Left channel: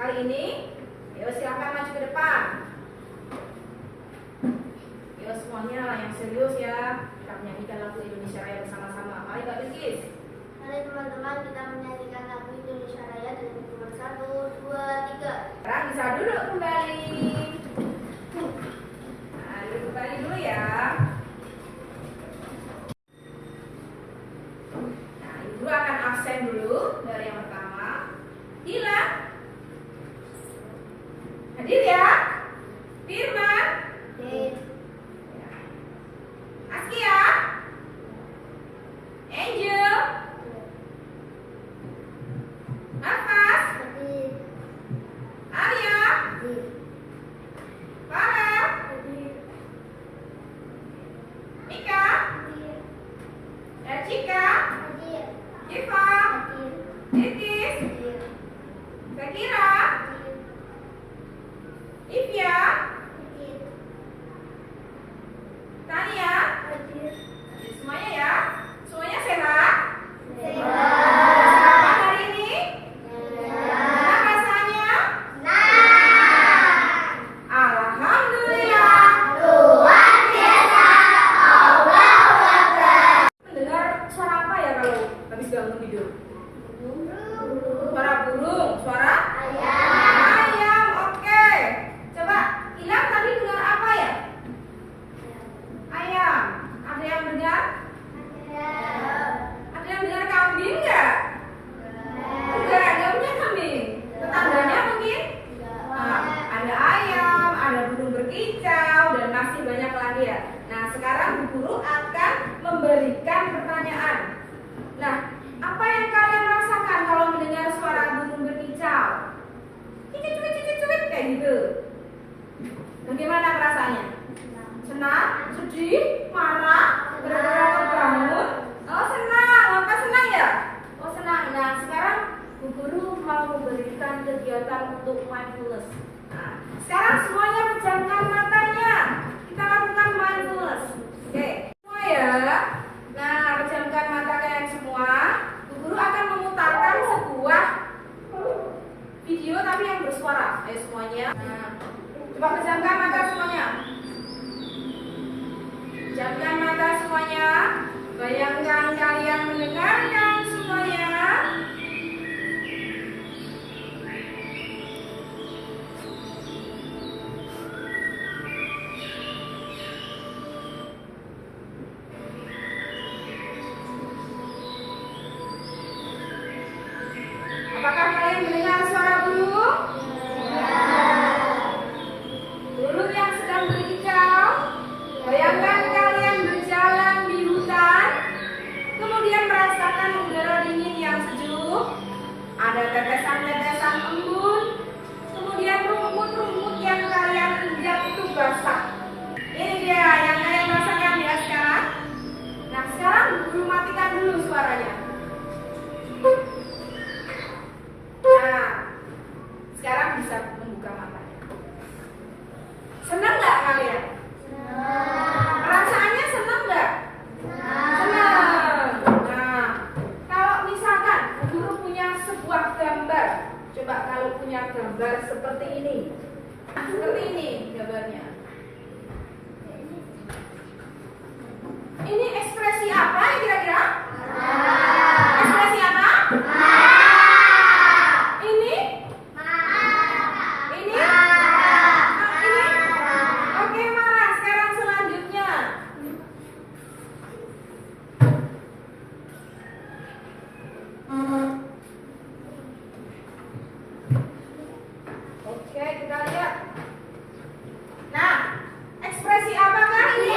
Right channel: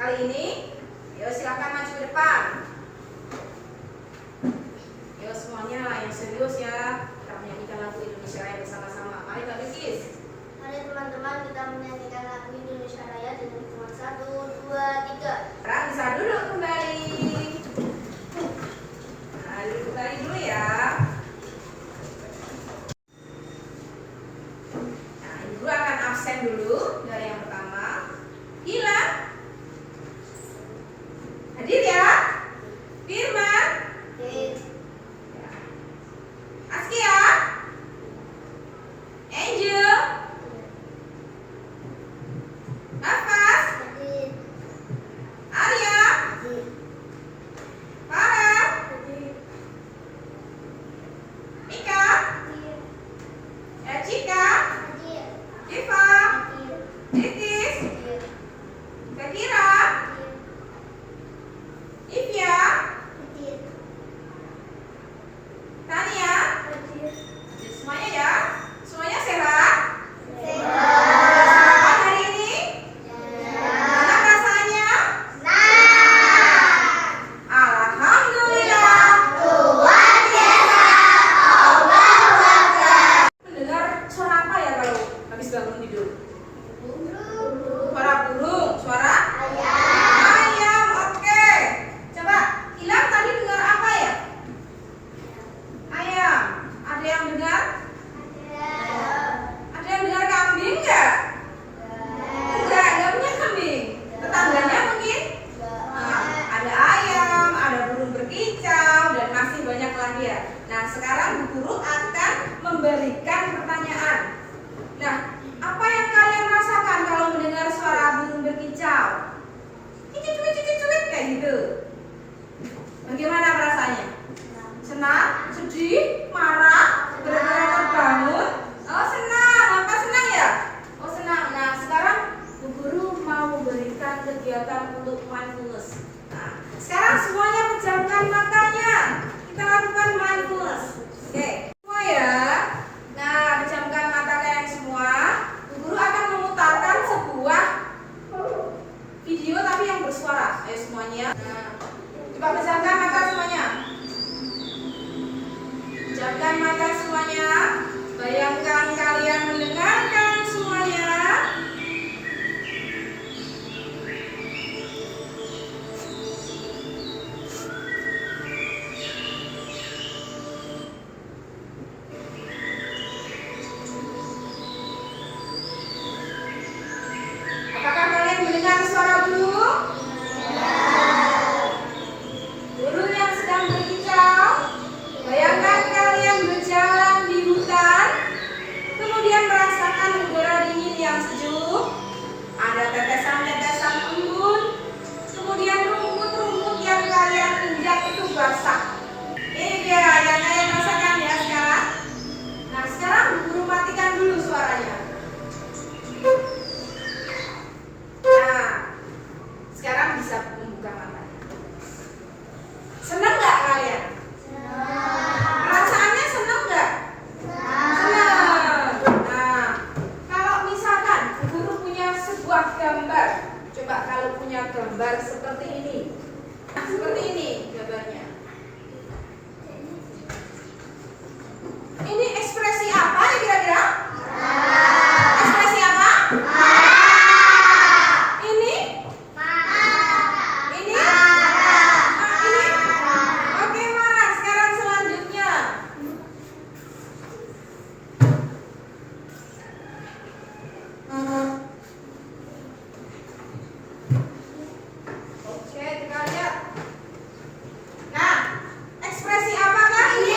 kali ini. Ayo silahkan maju ke depan. Ayo semuanya yang serius ya. Kita menyanyikan lagu Indonesia Raya bersama-sama. Mari Mbak Bilkis. Mari teman-teman kita menyanyikan lagu Indonesia Raya dari hitungan 1, 2, 3. Sekarang bisa duduk kembali. Nah, duduk kembali dulu ya. Nah, Ibu akan absen dulu dari yang pertama. Gila. Hadir ya. Firman. Hadir. Askia. Angel. Nafas. Hadir. Arya. Hadir. Farah. Hadir. Mika. Hadir. Cika. Hadir. Iva. Hadir. Bilkis. Hadir. Zakira. Hadir. Ivya. Hadir. Tania. Hadir. Semuanya ya. Semuanya sehat. Sehat. Selamat hari ini. Gimana rasanya? Alhamdulillah. Luar biasa. Allahu Akbar. Mendengar suara apa ya kalau habis bangun tidur? Suara burung, suara ayam. Oke. Coba Ilham tadi dengar apa ya? Ayam. Ada yang dengar? Ada yang dengar kambing nggak? Enggak punya kambing. Tetangganya mungkin? Nah, ada ayam, ada burung berkicau, dan masih banyak lagi ya. Nah, sekarang Bu Guru akan memberikan pertanyaan. Nah, apa yang kalian rasakan kalau mendengar suara burung berkicau? Cicit-cicit kayak gitu. Bagaimana perasaannya? Senang? Sedih? Marah? Gara-gara terbangun? Oh, senang. Maka senang ya? Oh, senang. Nah, sekarang Bu Guru mau memberikan kegiatan untuk mindfulness. Nah, sekarang semuanya pejamkan matanya. Kita lakukan mindfulness. Oke, semua ya. Nah, pejamkan mata kalian semua. Bu Guru akan memutarkan sebuah video tapi yang bersuara. Ayo semuanya. Nah, coba pejamkan mata semuanya. Pejamkan mata semuanya. Bayangkan kalian mendengarkan semuanya. Apakah kalian mendengar suara burung? Burung yang sedang berkicau. Bayangkan kalian berjalan di hutan, kemudian merasakan udara dingin yang sejuk. Ada tetesan-tetesan embun, kemudian rumput-rumput yang kalian injak itu basah. Ini dia yang kalian rasakan ya sekarang. Nah, sekarang Guru matikan dulu suaranya. Nah, sekarang bisa membuka matanya. Senang nggak kalian? Perasaannya senang nggak? Senang. Nah, kalau misalkan Guru punya sebuah gambar, coba kalau punya gambar seperti ini. Nah, seperti ini gambarnya. Ini ekspresi apa ya kira-kira? Ekspresi apa? Ini? Ini? Ini? Oke, marah. Sekarang selanjutnya. Oke, kita lihat. Nah, ekspresi apakah ini?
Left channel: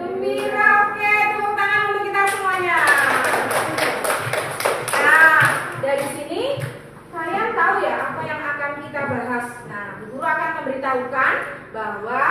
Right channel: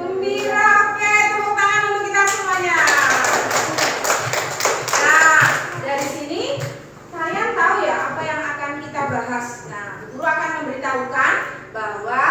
Gembira. Oke, tepuk tangan untuk kita semuanya. Nah, dari sini kalian tahu ya apa yang akan kita bahas. Nah, Guru akan memberitahukan bahwa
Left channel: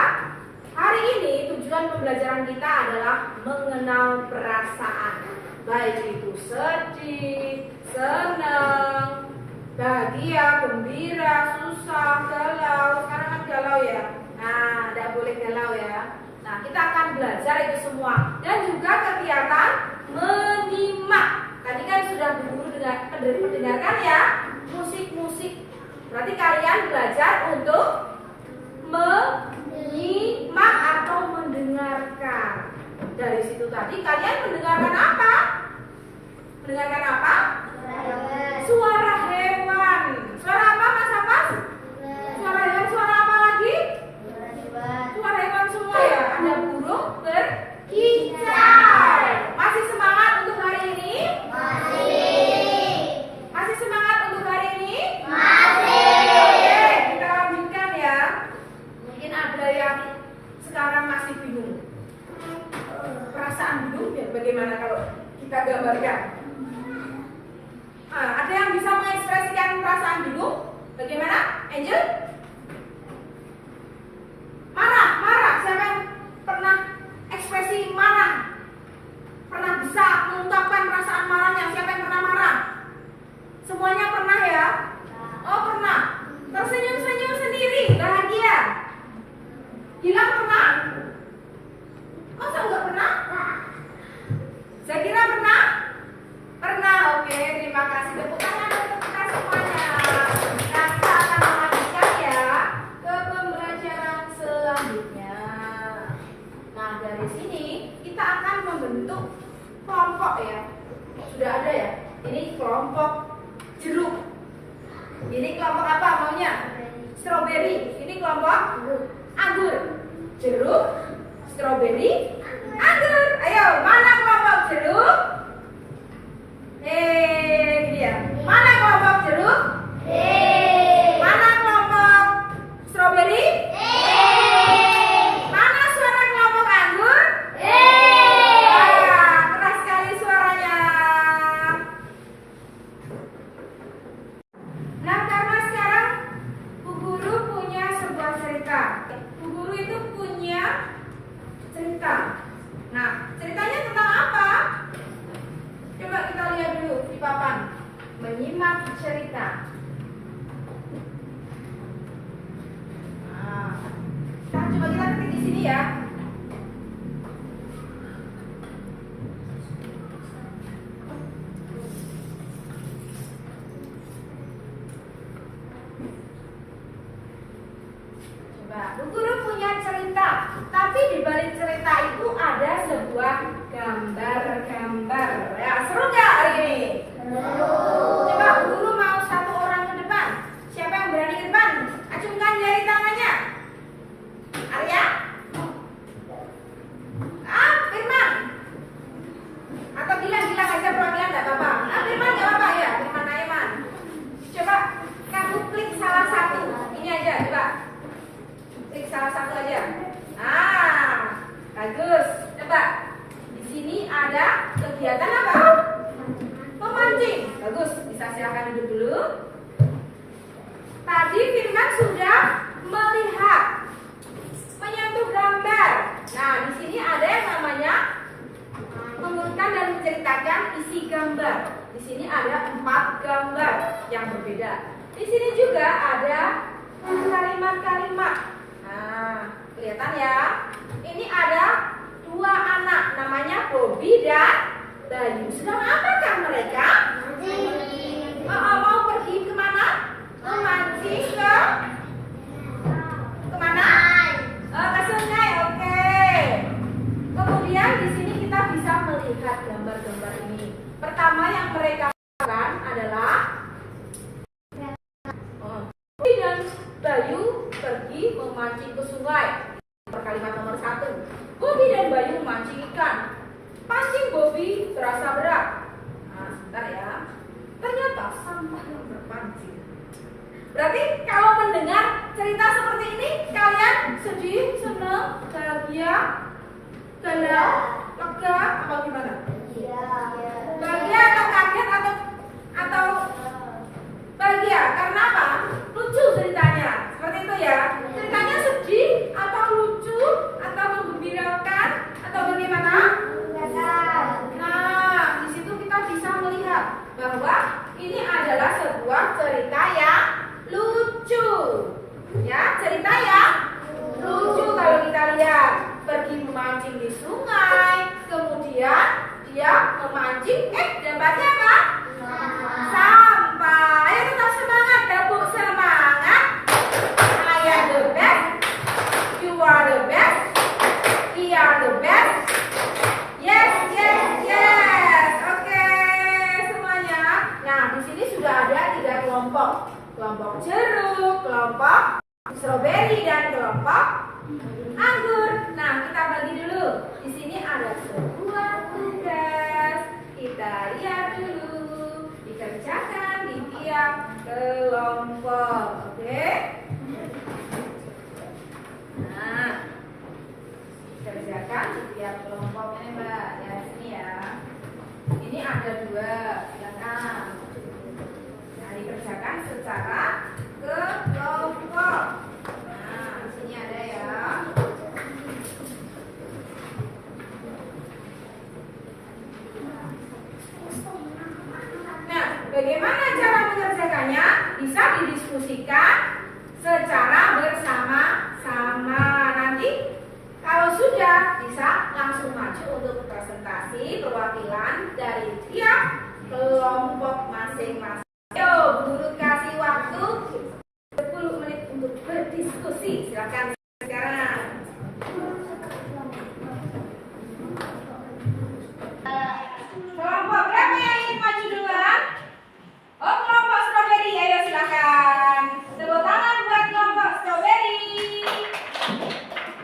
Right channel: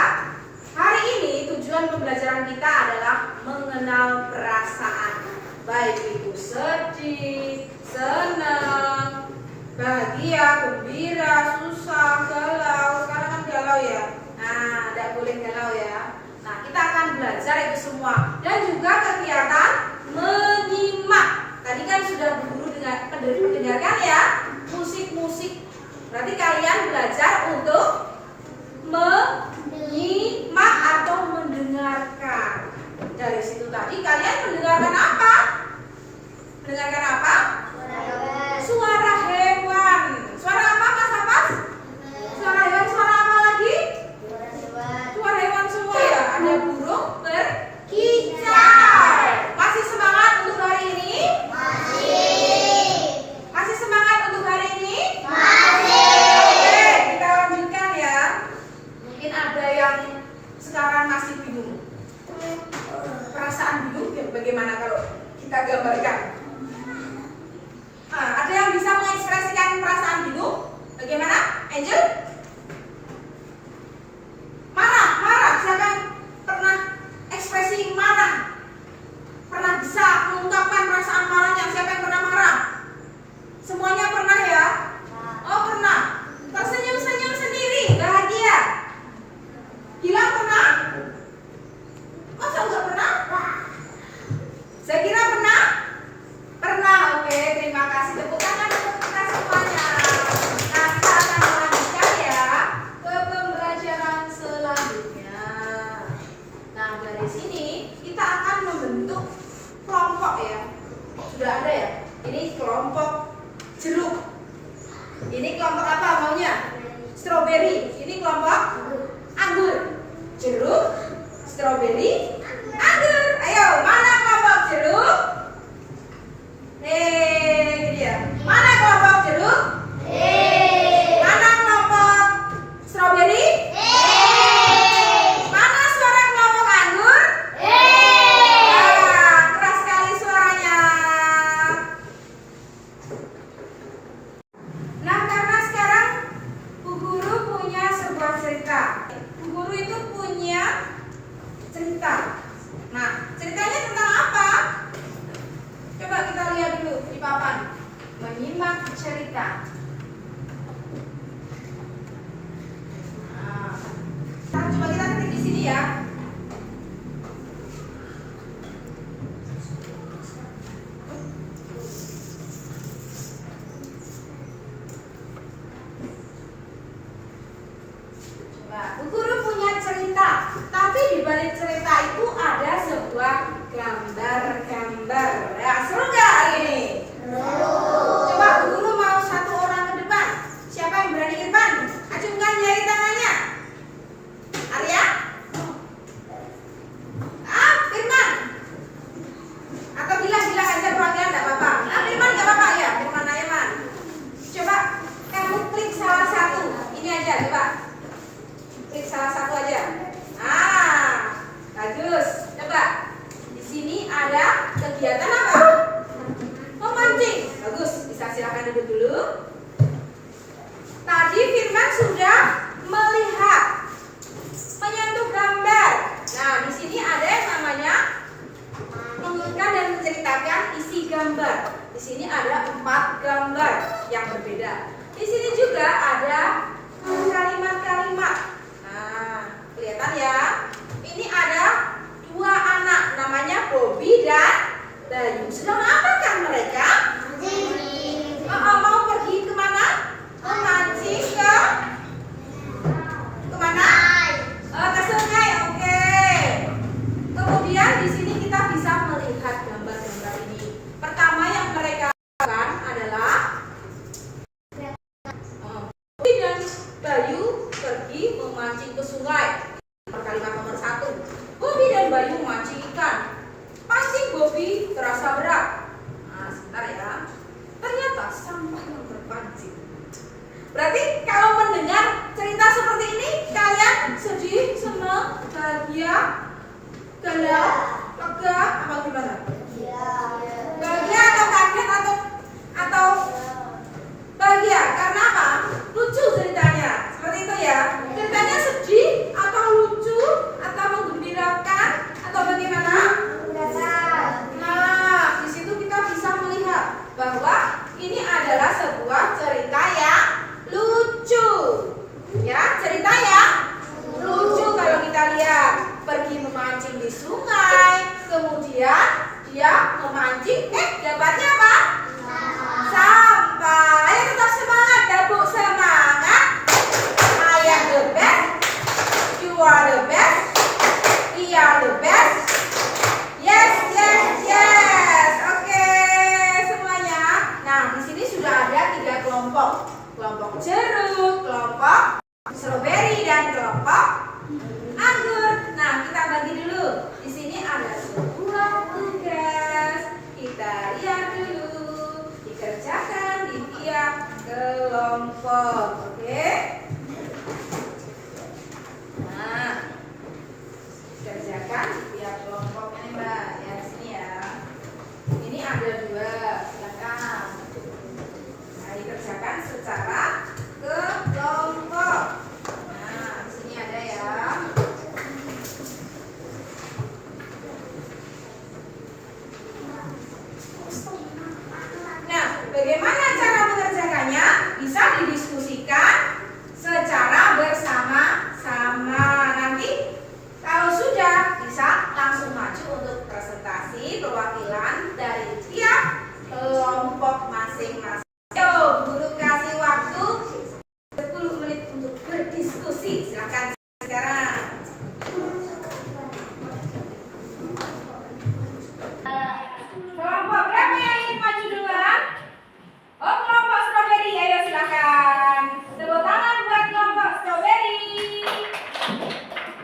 hari ini tujuan pembelajaran kita adalah mengenal perasaan. Baik itu sedih, senang, bahagia, gembira, susah, galau. Sekarang kan galau ya. Nah, tidak boleh galau ya. Nah, kita akan belajar itu semua. Dan juga kegiatan menyimak. Tadi kan sudah Bu Guru dengarkan ya. kalian mendengarkan apa? Mendengarkan apa? Suara hewan. Suara apa Mas Abbas? Suara hewan, suara apa lagi? Suara hewan semua ya. Ada burung berkicau. Masih semangat untuk hari ini? Masih semangat untuk hari ini? Oke, kita lanjutkan ya. Mungkin ada yang sekarang masih bingung. Perasaan bingung ya, bagaimana kalau kita gambarkan? Ada yang bisa mengekspresikan perasaan bingung? Bagaimana? Angel? Marah, marah. Siapa yang pernah ekspresi marah? Pernah bisa mengungkapkan perasaan marahnya? Siapa yang pernah marah? Semuanya pernah ya? Oh pernah. Tersenyum-senyum sendiri, bahagia. Gilang pernah? Masa enggak pernah? Saya kira pernah? Pernah, oke. Terima kasih. Tepuk tangan untuk kita semuanya. Nah, kita akan melanjutkan ya ke pembelajaran selanjutnya. Nah, dari sini kita akan membentuk kelompok ya. Sudah ada ya? Ini kelompok jeruk. Ini kelompok apa maunya? Strawberry. Ini kelompok anggur. Jeruk, strawberry, anggur. Ayo, mana kelompok jeruk? Ini dia. Mana kelompok jeruk? Mana kelompok strawberry? Mana suara kelompok anggur? Keras sekali suaranya. Nah, karena sekarang Bu Guru punya sebuah cerita. Bu Guru itu punya cerita. Nah, ceritanya tentang apa? Coba kita lihat dulu di papan. Menyimak cerita. Nah, coba kita ketik di sini ya. Bu Guru punya cerita, tapi di balik cerita itu ada sebuah gambar-gambar. Ya, seru nggak hari ini? Coba Bu Guru mau satu orang ke depan. Siapa yang berani ke depan? Acungkan jari tangannya. Arya? Firman? Atau Gilang aja perwakilan nggak apa-apa. Firman nggak apa-apa ya, Firman Aiman. Coba kamu klik salah satu. Ini aja, coba. Klik salah satu aja. Bagus. Coba. Di sini ada kegiatan apa? Memancing. Bagus. Bisa silakan duduk dulu. Tadi Firman sudah melihat, menyentuh gambar. Nah, di sini ada yang namanya mengurutkan dan menceritakan isi gambar. Di sini ada 4 gambar yang berbeda. Di sini juga ada kalimat-kalimat. Kelihatan ya. Ini ada 2 anak, namanya Bobby dan Bayu. Sedang apakah mereka? Mau pergi kemana? Memancing ke? Kemana? Ke sungai. Oke. Kemudian di sini kita bisa melihat gambar-gambar ini. Pertama yang mereka lakukan adalah Bobby dan Bayu pergi memancing ke sungai. Kalimat nomor 1. Bobby dan Bayu memancing ikan. Pancing Bobby terasa berat. Nah, sebentar ya. Ternyata sampah yang berpancing. Berarti kalau mendengar cerita seperti ini, kalian sedih, senang, bahagia, galau, lega, apa gimana? Bahagia atau kaget atau bahagia? Karena apa? Lucu ceritanya. Seperti itu ya. Ceritanya sedih atau lucu atau menggembirakan atau bagaimana? Nah, di situ kita bisa melihat bahwa ini adalah sebuah cerita yang lucu. Ya, cerita yang lucu kalau kita lihat. Pergi memancing di sungai, kemudian dia memancing, dapatnya apa? Sampah. Ayo tetap semangat, gabung semangat. I am the best. You are the best. We are the best. Yes, yes, ada 2. Silakan. Nah, dikerjakan secara kelompok. Nah, di sini ada ya. Nah, bagaimana cara mengerjakannya? Bisa didiskusikan secara bersama-sama. Nanti kalau sudah bisa langsung maju untuk presentasi perwakilan dari tiap kelompok masing-masing. Yo, guru kasih waktu 10 menit untuk berdiskusi. Silakan sekarang. Kelompok berapa yang ingin maju duluan? Oh, kelompok strawberry. Ayo silakan. Tepuk tangan buat kelompok strawberry.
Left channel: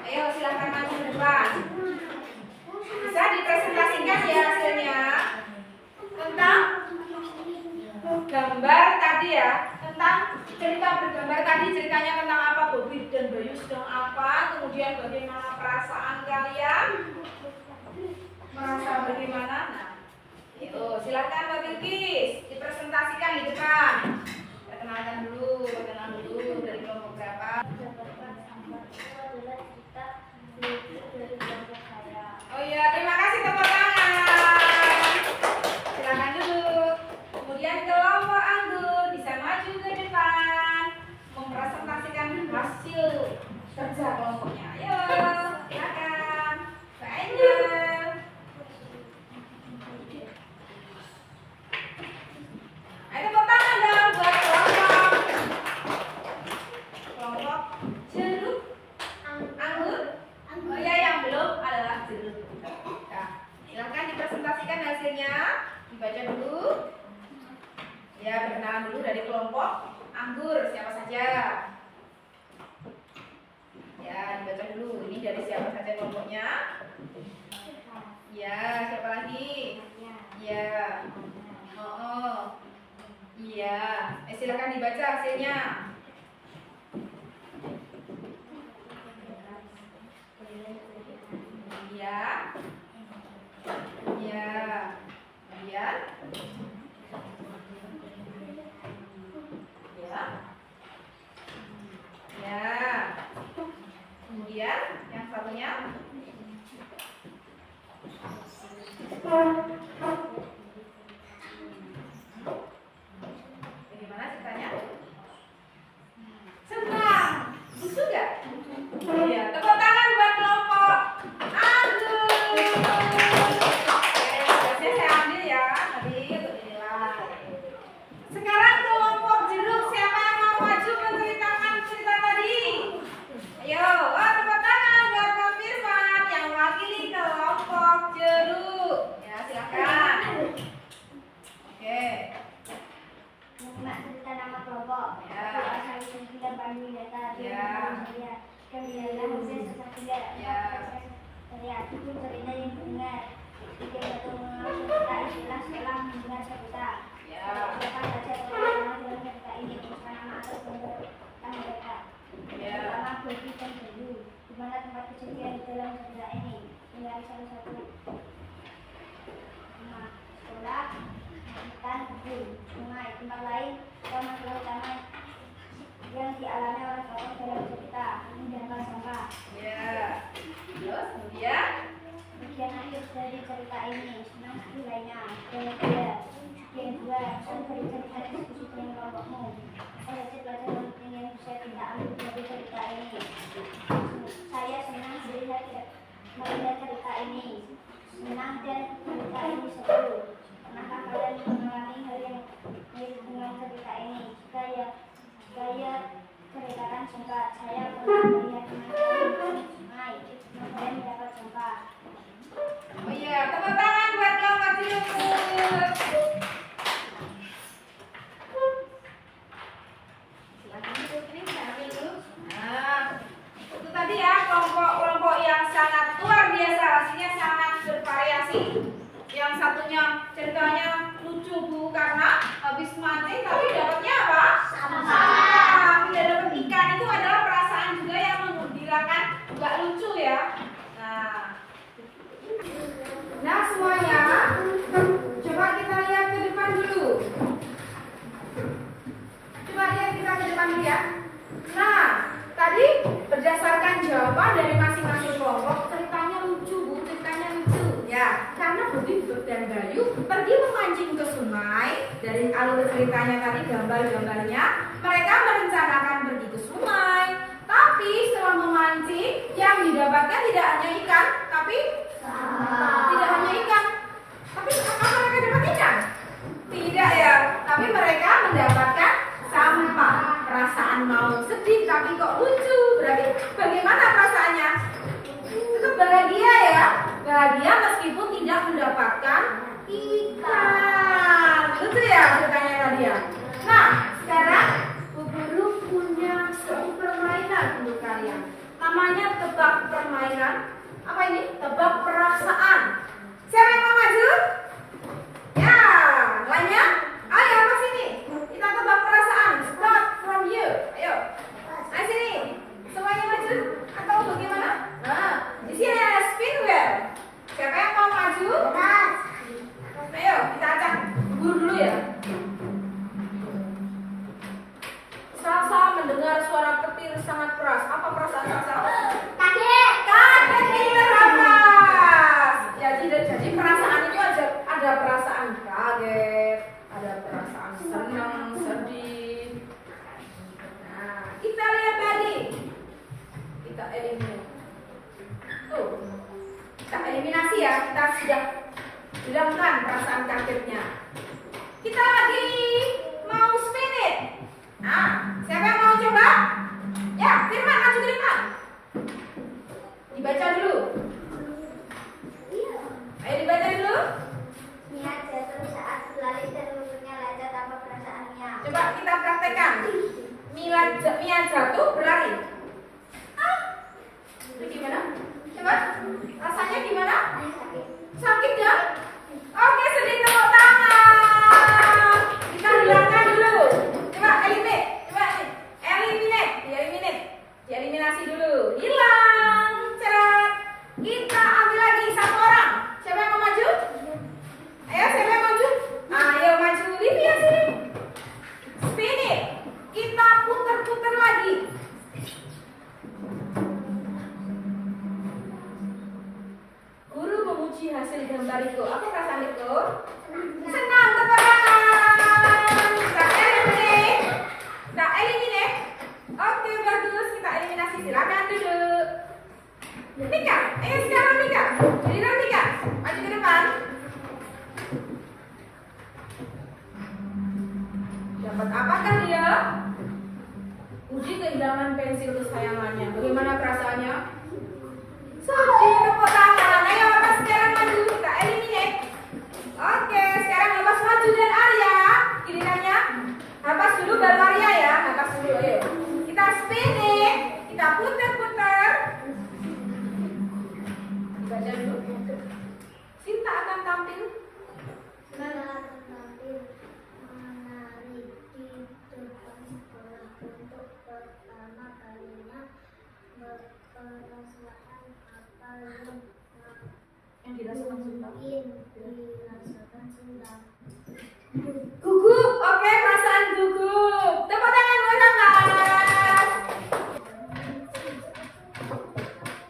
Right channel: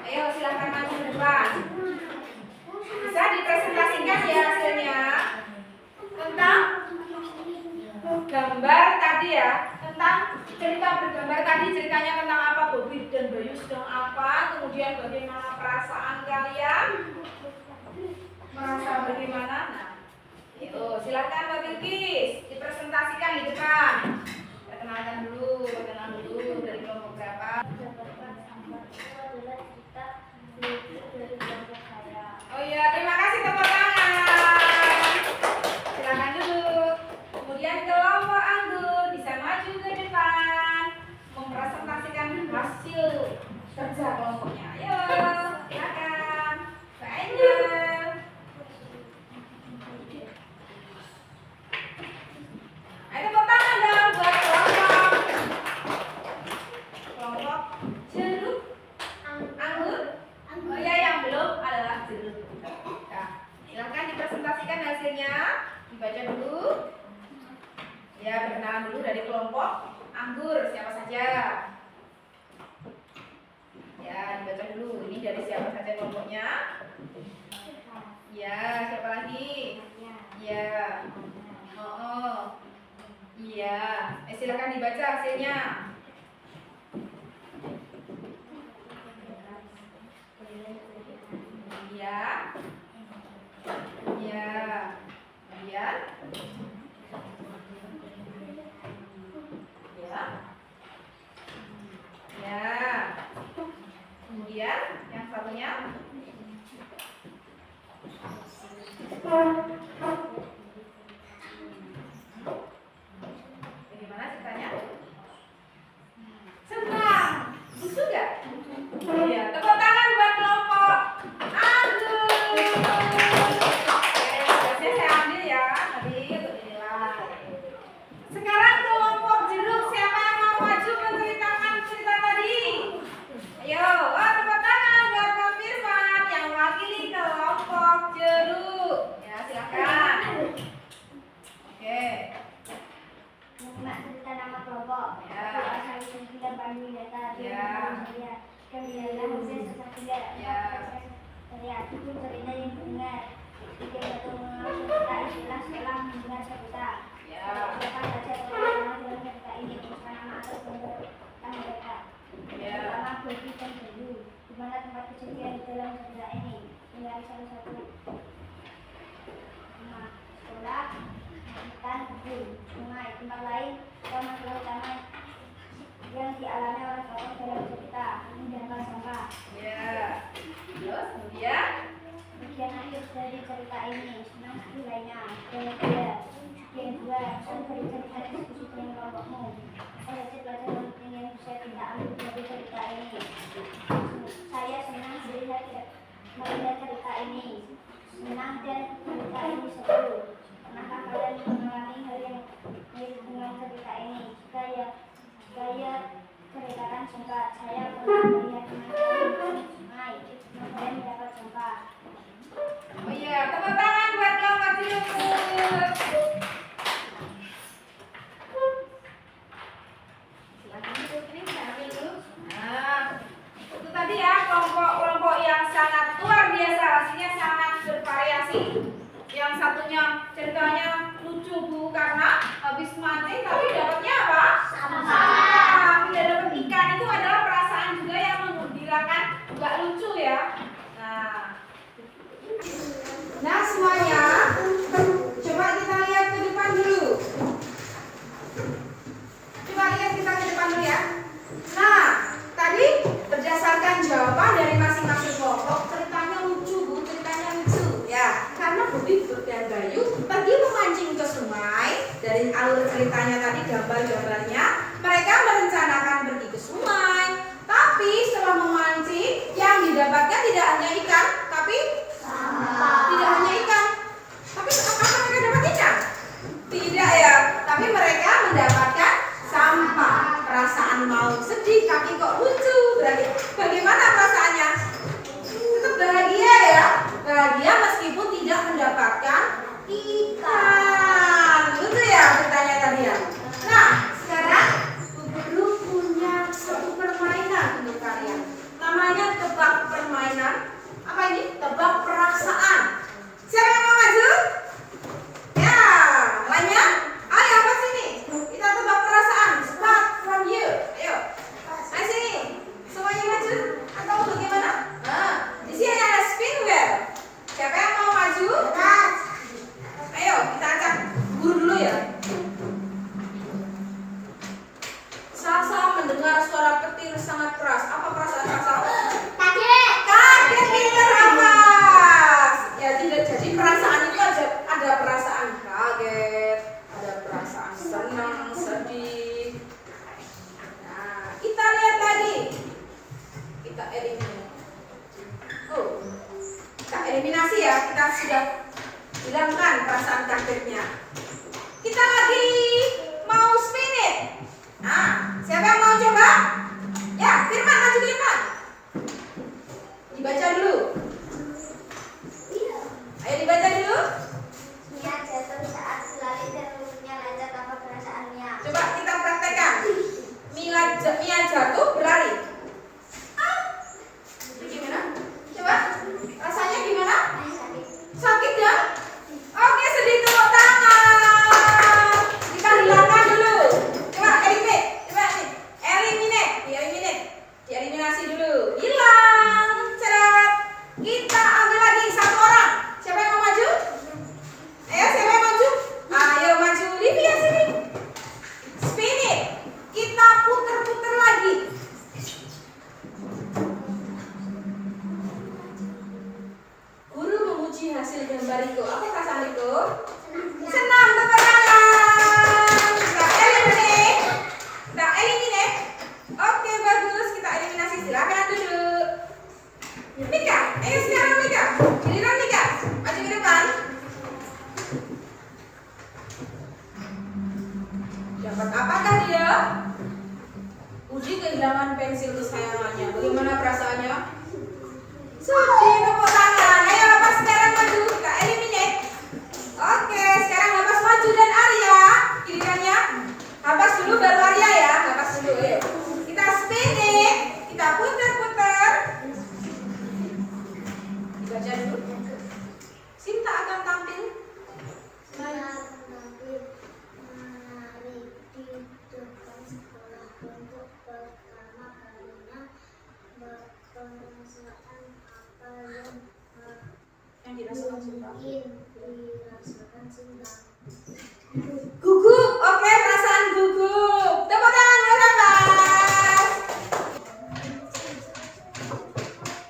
Ayo silakan maju ke depan. Bisa dipresentasikan ya hasilnya tentang gambar tadi ya, tentang cerita bergambar tadi. Ceritanya tentang apa? Bobi dan Bayu sedang apa, kemudian bagaimana perasaan kalian, merasa bagaimana. Nah, itu silakan Mbak Bilkis dipresentasikan di depan. Perkenalkan dulu dari kelompok berapa. Oh iya, terima kasih, tepuk tangan. Silakan duduk. Kemudian kelompok anggur bisa maju ke depan mempresentasikan hasil kerja kelompoknya. Ayo, silakan. Mbak Angel. Ayo tepuk tangan dong buat kelompok jeruk anggur. Oh ya, yang belum adalah jeruk. Nah, silakan dipresentasikan hasilnya. Dibaca dulu. Ya, perkenalan dulu dari kelompok anggur. Siapa saja? Ya, dibaca dulu. Ini dari siapa saja kelompoknya? Ya, siapa lagi? Ya. Oh. Iya. Silakan dibaca hasilnya. Iya. Iya. Kemudian. Ya. Ya. Kemudian yang satunya. Bagaimana ceritanya? Senang. Lucu gak? Iya. Tepuk tangan buat kelompok anggur. Biasanya saya ambil ya tadi untuk dinilai. Sekarang kelompok jeruk, siapa yang mau maju menceritakan cerita tadi? Ayo, tepuk tangan buat Pak Firman yang mewakili kelompok jeruk. Ya, silakan. Oke. Mak cerita nama kelompok. Ya. Asal usul kita Bandung data. Ya. Kemudian Hussein Sesatiga. Ya. Saya itu cerita yang benar. Jika satu mengalami cerita istilah setelah mendengar cerita. Ya. Siapa saja pengalaman dalam cerita ini bukan nama atau tentang mereka. Ya. Pertama Bobi dan Bayu. Di mana tempat kejadian di dalam cerita ini? Mencari salah satu rumah sekolah, hutan, kebun, sungai, tempat lain, taman utama yang dialami oleh tokoh dalam cerita, menjangkau sampah. Ya. Terus kemudian Bagian akhir dari cerita ini, senang nilainya, dan kedua, yang dua, dari cerita diskusi dengan kelompokmu. Saya pelajaran penting yang bisa kita ambil dari cerita ini. Saya senang melihat cerita ini, senang dan cerita ini seru. Pernahkah kalian mengalami hal yang mirip dengan cerita ini? Saya ceritakan singkat. Saya pernah melihat teman-teman di sungai, kemudian mendapat sampah. oh iya, tepuk tangan buat kelompok jeruk. Silakan duduk, ini saya ambil dulu. Nah, itu tadi ya kelompok yang sangat luar biasa, hasilnya sangat bervariasi. Yang satunya ceritanya lucu Bu karena habis mancing tapi dapatnya apa? Sampah. Tidak dapat ikan, itu adalah perasaan juga yang menggembirakan, nggak lucu ya. Nah semuanya coba kita dan Bayu pergi memancing ke sungai. Dari alur ceritanya tadi, gambar-gambarnya, mereka merencanakan pergi ke sungai. Tapi setelah memancing, yang didapatkan tidak hanya ikan, tapi tidak hanya ikan. Tapi apa mereka dapat ikan? Tidak ya, tapi mereka mendapatkan sampah. Perasaan mau sedih, tapi kok lucu. Berarti bagaimana perasaannya? Tetap bahagia ya. Bahagia meskipun tidak mendapatkan ikan. Lucu ya ceritanya tadi ya. Nah, sekarang Bu Guru punya satu permainan untuk kalian. Namanya tebak permainan. Apa ini? Tebak perasaan. Siapa yang mau maju? Ya, lainnya? Ayo apa sini? Kita tebak perasaan. Start from you. Ayo. Ayo sini. Semuanya maju atau bagaimana? Nah, di sini ada spin wheel. Siapa yang mau maju? Ayo, kita acak guru dulu ya. Salsa mendengar suara petir sangat keras. Apa perasaan Salsa? Kaget. Kaget, pintar, hafaz. Jadi perasaan itu ada perasaan kaget, ada perasaan senang, sedih. Nah, kita lihat lagi. Kita eliminasi. Oh, kita eliminasi ya. Kita sudah hilangkan perasaan kagetnya. Kita lagi mau spin it. Nah, siapa yang mau coba? Ya, Firman, maju Firman. Dibaca dulu. Ayo dibaca dulu. Mia jatuh saat berlari dan mulutnya lancar tanpa perasaannya. Coba kita praktekkan. Mia jatuh berlari. Itu gimana? Coba. Rasanya gimana? Sakit. Sakit ya? Oke, sedih, tepuk tangan. Kita hilangkan dulu. Coba eliminate. Coba eliminate. Dieliminasi dulu. Hilang. Cerat. Kita ambil lagi satu orang. Siapa yang mau maju? Ayo, siapa yang maju? Ayo maju, Livia sini. Spin it. Kita putar-putar lagi. Guru memuji hasil gambar itu. Apa perasaan itu? Senang, tepuk tangan. Kita eliminate. Oke, bagus. Kita eliminasi. Silakan duduk. Mika, ayo sekarang Mika. Giliran Mika. Maju ke depan. Dapat apakah dia? Uji kehilangan pensil kesayangannya. Bagaimana perasaannya? Sedih, tepuk tangan. Ayo lepas sekarang maju. Kita eliminate. Oke, sekarang lepas maju dan Arya. Gilirannya. Lepas dulu baru Arya ya. Lepas dulu, ayo. Kita spin it. Kita putar-putar. Dibaca dulu. Sinta akan tampil. Menari di depan sekolah untuk pertama kalinya merasakan apa Yang dirasakan Sinta. mungkin dirasakan Sinta. Gugup, oke, perasaan gugup. Tepuk tangan bersama.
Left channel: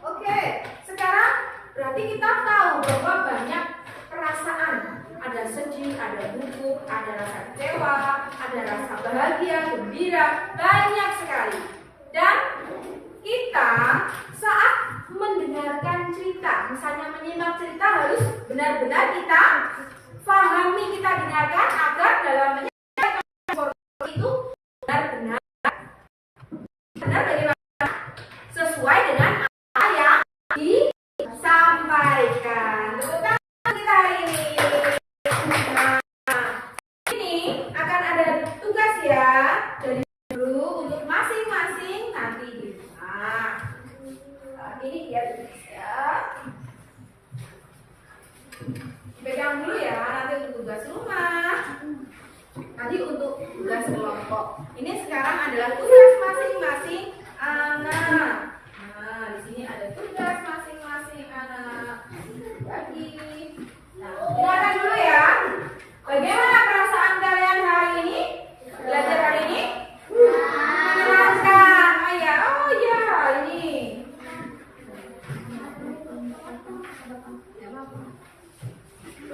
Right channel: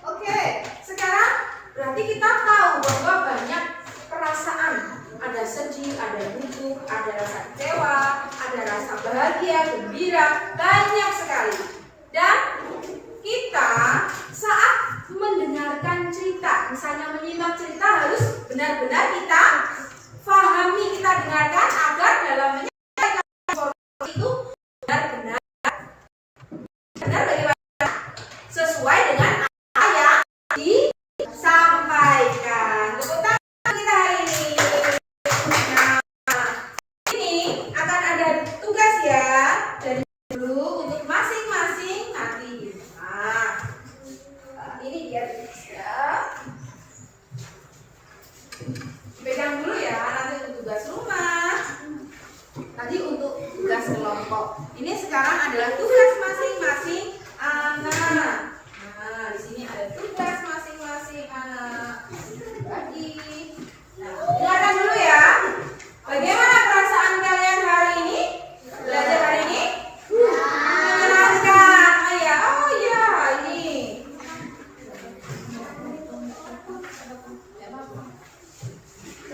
Oke, sekarang berarti kita tahu bahwa banyak perasaan. Ada sedih, ada gugup, ada rasa kecewa, ada rasa bahagia, gembira, banyak sekali. Dan kita saat mendengarkan cerita, misalnya menyimak cerita harus benar-benar kita pahami, kita dengarkan agar dalam menyampaikan informasi itu benar-benar bagaimana sesuai dengan apa yang disampaikan. Tepuk tangan kita hari ini. Nah, ini akan ada tugas ya dari guru untuk masing-masing nanti. Nah, ini biar bisa pegang dulu ya, nanti untuk tugas rumah, nanti untuk tugas kelompok. Ini sekarang adalah tugas masing-masing anak. Nah, di sini ada tugas masing-masing anak. Bagi. Nah, dengarkan dulu ya. Bagaimana perasaan kalian hari ini? Belajar hari ini? Menyenangkan. Oh ya, ini.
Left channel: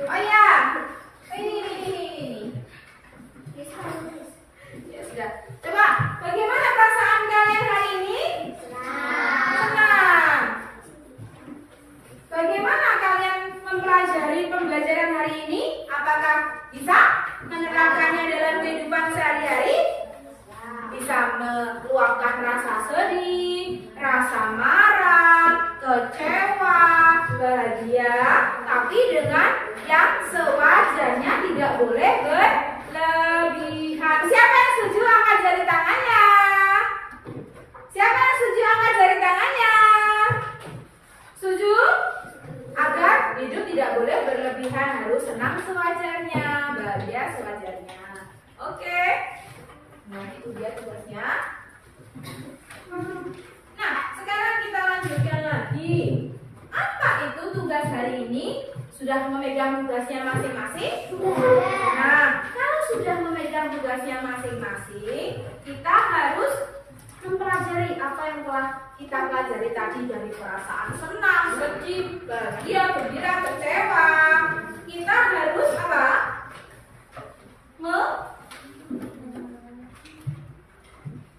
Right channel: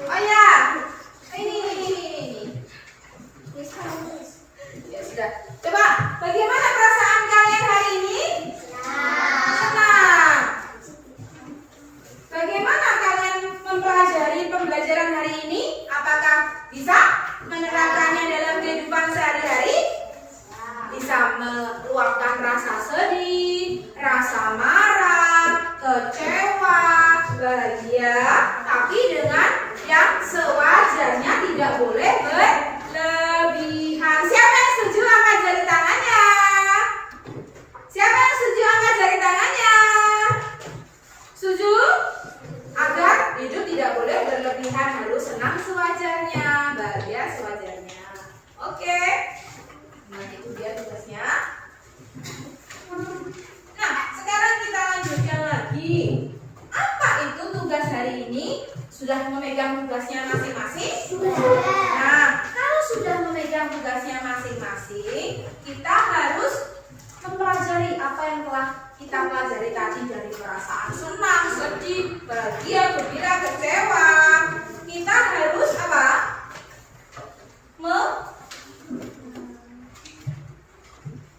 Oh ya, apakah bisa menerapkannya dalam kehidupan sehari-hari? Bisa meluapkan rasa sedih, rasa marah, kecewa, bahagia, tapi dengan yang sewajarnya, tidak boleh berlebihan. Siapa yang setuju angkat jari tangannya? Siapa yang setuju angkat jari tangannya? Setuju? Agar hidup tidak boleh berlebihan, harus senang sewajarnya, bahagia sewajarnya. Oke. Nah, itu dia tugasnya. Nah, sekarang kita lanjutkan lagi. Apa itu tugas hari ini? Sudah memegang tugasnya masing-masing? Nah, kalau sudah memegang tugasnya masing-masing, kita harus mempelajari apa yang telah kita pelajari tadi, dari perasaan senang, sedih, bahagia, gembira, kecewa. Kita harus apa?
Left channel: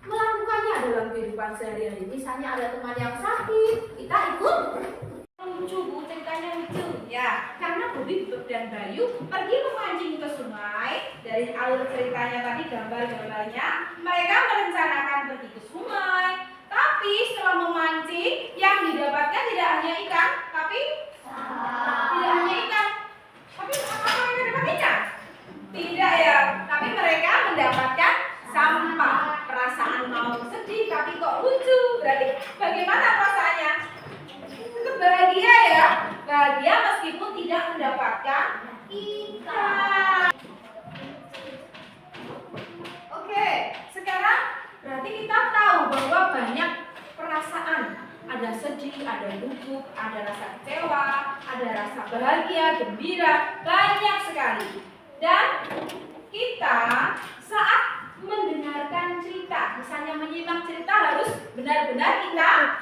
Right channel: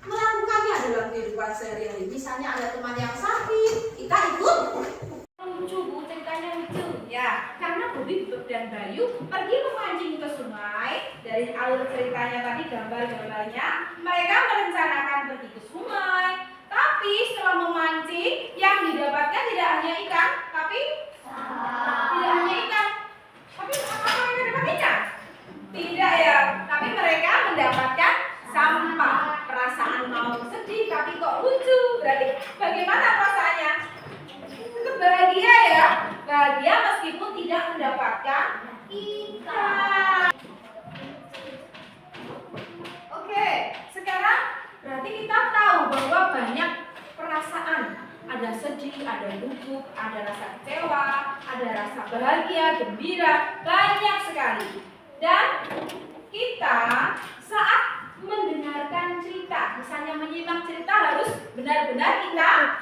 Melakukannya dalam kehidupan sehari-hari. Misalnya ada teman yang sakit, kita ikut. Lucu, Bu, ceritanya lucu. Ya, karena Bobi dan Bayu pergi memancing ke sungai. Dari alur ceritanya tadi, gambar-gambarnya, mereka merencanakan pergi ke sungai. Tapi setelah memancing, yang didapatkan tidak hanya ikan, tapi tidak hanya ikan. Tapi apa mereka dapat ikan? Tidak ya, tapi mereka mendapatkan sampah. Perasaan mau sedih, tapi kok lucu. Berarti bagaimana perasaannya? Tetap bahagia ya, bahagia meskipun tidak mendapatkan ikan. Oke, sekarang berarti kita tahu bahwa banyak perasaan. Ada sedih, ada gugup, ada rasa kecewa, ada rasa bahagia, gembira, banyak sekali. Dan kita saat mendengarkan cerita, misalnya menyimak cerita, harus benar-benar kita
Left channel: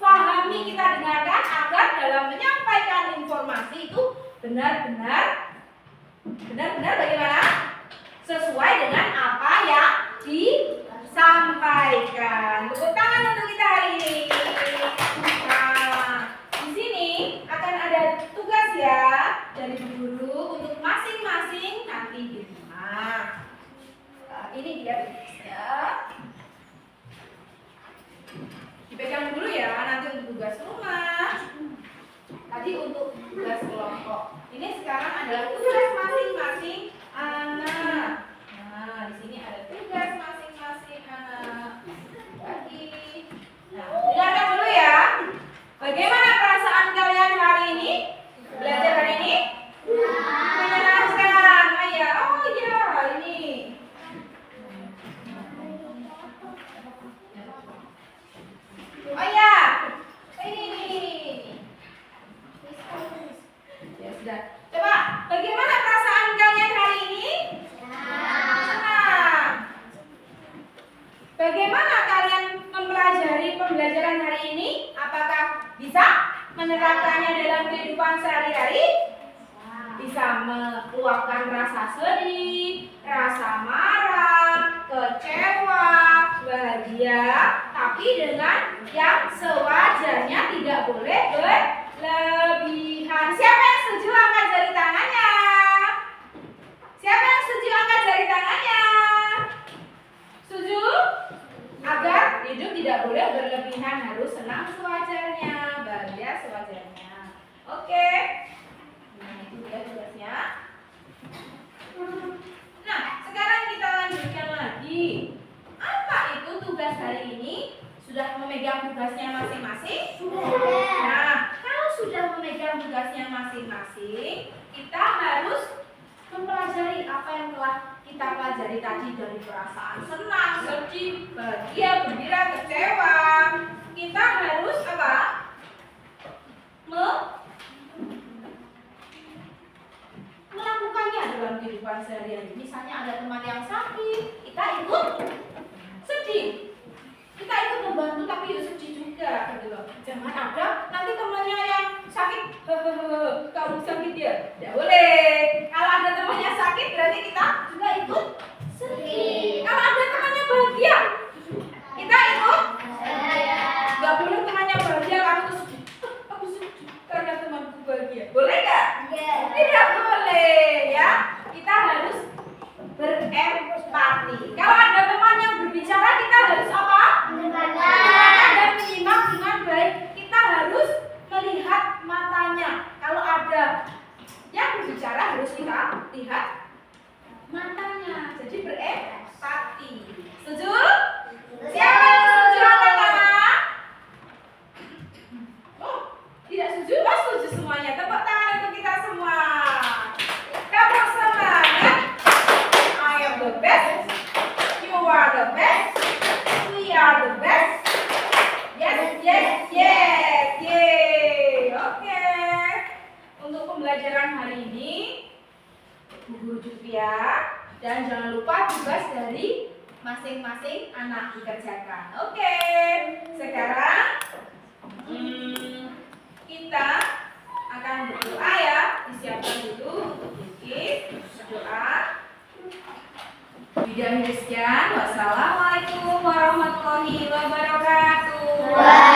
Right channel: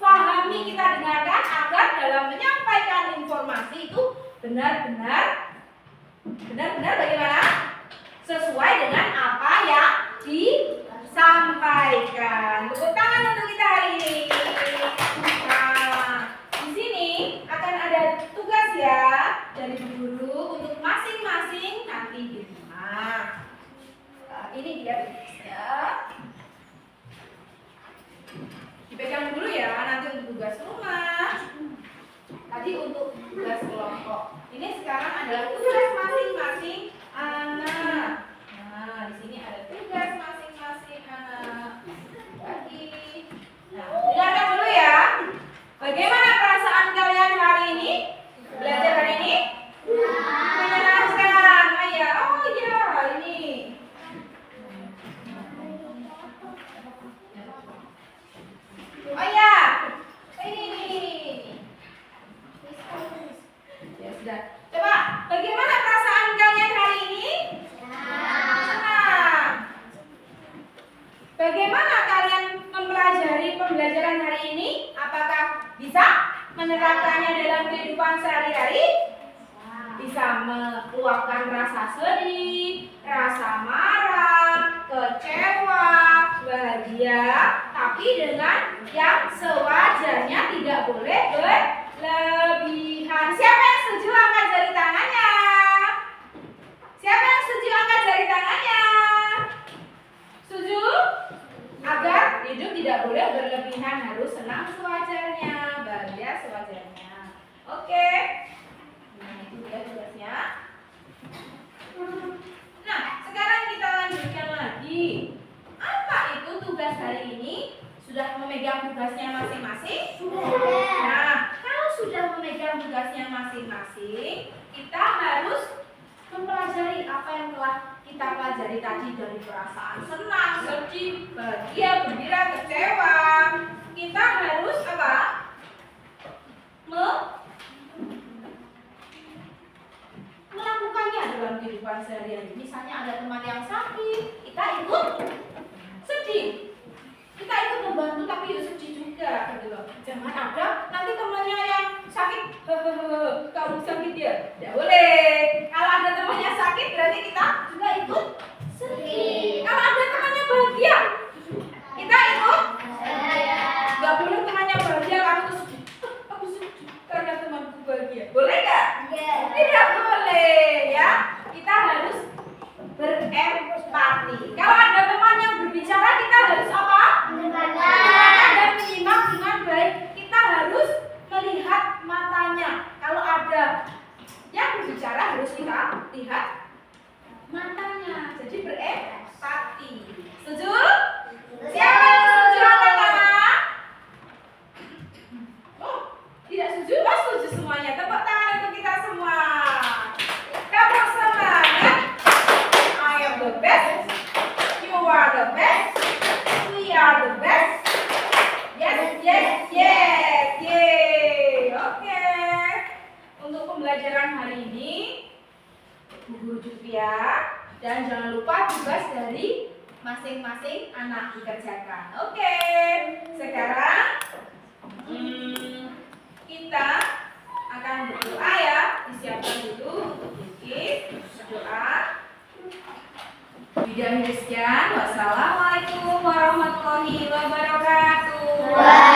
pahami, kita dengarkan, agar dalam menyampaikan informasi itu benar-benar bagaimana? Sesuai dengan apa yang disampaikan. Tepuk tangan untuk kita hari ini. Nah, di sini akan ada tugas ya dari guru untuk masing-masing nanti di rumah. Ini dia tugasnya. Dipegang dulu ya, nanti untuk tugas rumah. Tadi untuk tugas kelompok. Ini sekarang adalah tugas masing-masing anak. Nah, di sini ada tugas masing-masing anak. Lagi. Nah, dengarkan dulu ya. Bagaimana perasaan kalian hari ini? Belajar hari ini? Menyenangkan. Oh iya, ini. Oh ya, ini. Ya sudah. Coba, bagaimana perasaan kalian hari ini? Senang. Bagaimana kalian mempelajari pembelajaran hari ini? Apakah bisa menerapkannya dalam kehidupan sehari-hari? Bisa meluapkan rasa sedih, rasa marah, kecewa, bahagia, tapi dengan yang sewajarnya, tidak boleh berlebihan. Siapa yang setuju angkat jari tangannya? Siapa yang setuju angkat jari tangannya? Setuju? Agar hidup tidak boleh berlebihan, harus senang sewajarnya, bahagia sewajarnya. Oke. Nah, itu dia tugasnya. Nah, sekarang kita lanjutkan lagi. Apa itu tugas hari ini? Sudah memegang tugasnya masing-masing? Sudah. Nah, kalau sudah memegang tugasnya masing-masing, kita harus mempelajari apa yang telah kita pelajari tadi, dari perasaan senang, sedih, bahagia, gembira, kecewa. Kita harus apa? Melakukannya dalam kehidupan sehari-hari. Misalnya ada teman yang sakit, kita ikut sedih. Kita ikut membantu, tapi ya sedih juga, gitu loh. Jangan ada nanti temannya yang sakit, kamu sakit ya, tidak boleh. Kalau ada temannya sakit, berarti kita juga ikut sedih. Kalau ada temannya bahagia, kita ikut. Gak boleh temannya bahagia, kamu tuh sedih. Aku sedih karena temanku bahagia. Boleh nggak? Tidak boleh, ya. empati. Kalau ada teman yang berbicara, kita harus apa? Mendengarkan. Dan menyimak dengan baik. Kita harus melihat matanya. Kalau ada yang berbicara, harus kita lihat matanya. Jadi berempati. Setuju? Siapa yang setuju angkat tangan? Oh, tidak setuju? Oh, setuju semuanya. Tepuk tangan untuk kita semua. Tepuk semangat. I am the best. You are the best. We are the best. Yes, yes, yes. Yeay. Oke. Untuk pembelajaran hari ini, Bu Guru Jutria, dan jangan lupa tugas dari masing-masing anak dikerjakan. Oke. Sekarang kita akan berdoa ya. Disiapkan dulu untuk bikin doa. Bidan Christian, wassalamualaikum warahmatullahi wabarakatuh.